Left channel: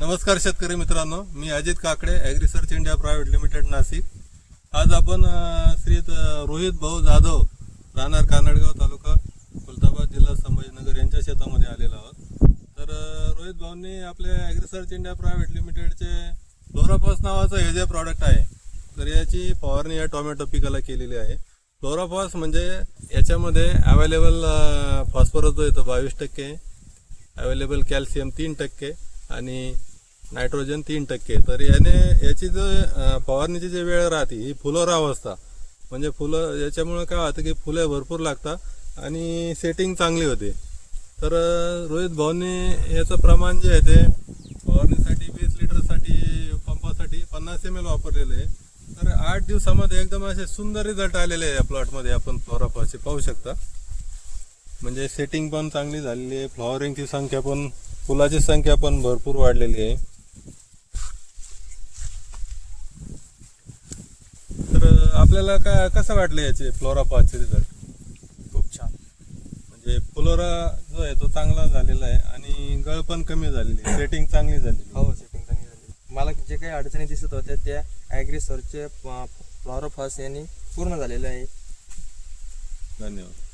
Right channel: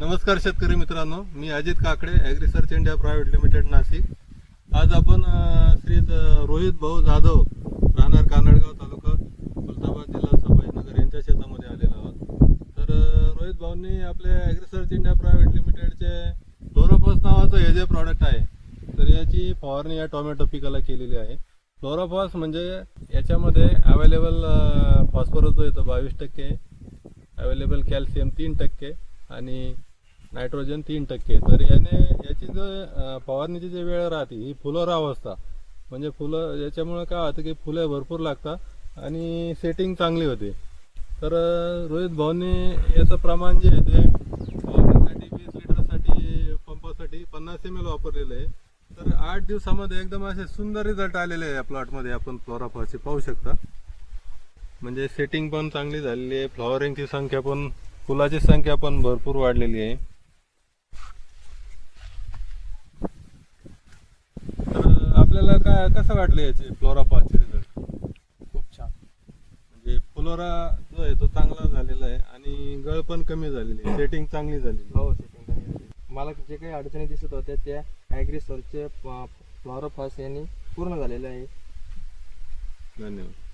नमस्कार शेतकरी मित्रांनो, मी Ajit Kakade, agri research India private limited Nashik. आज आपण श्री रोहित भाऊ जाधव राहणार कानडगाव तालुका खुलताबाद जिल्हा संभाजीनगर यांच्या शेतामध्ये आलेलो आहोत। तर रोहित भाऊंनी आपल्या ॲग्री रिसर्च इंडिया प्रायव्हेट लिमिटेडचे फ्लोराफॉस नावाचं हे जे प्रॉडक्ट आहे, तर याची फवारणी या टोमॅटो पिकाला केलेली आहे। फ्लोराफॉस म्हणजे याच्यामध्ये अवेलेबल फॉस्फरस जो येतो 22%, अवेलेबल कॅल्शियम 3% आणि नायट्रोजन 3%। तर याची जो फवारणीची जी वेळ राहते ही फुलोरा अवस्था, म्हणजे फुलं याच्यामुळे काय होतं की फुले भरपूर लागतात आणि सेटिंग चांगली होते। तर रोहित भाऊंनी याचं प्रमाण जे आहे ते फवारणीसाठी 20 लिटरसाठी पंपासाठी 50 ml वापरलेलं आहे। तर 8 दिवसामध्ये एकदम असे सुंदर रिझल्ट आलेले आहे या प्लॉटमध्ये। आपण फ्लोराफॉसचे पाहू शकता, म्हणजे सेटिंग पण चांगली झालेली आहे, फ्लॉवरिंगची संख्या पण, फुलाची संख्या पण भरपूर वाढलेली आहे। तर आपल्याला काय कसं वाटलं याचे फ्लोराफॉसचे रिझल्ट? खूप छान। म्हणजे फ्लोरा जो आहे तो चांगला झालेला आहे आणि गळ पण कमी झालेली आहे, सेटिंग चांगली झालेली आहे। हो, सेटिंग चांगली झाली। मला जे काही अडचणी दिसत होत्या त्या ॲग्री सर्चचे फ्लोराफॉस यांनी पूर्ण झालेल्या आहे। धन्यवाद।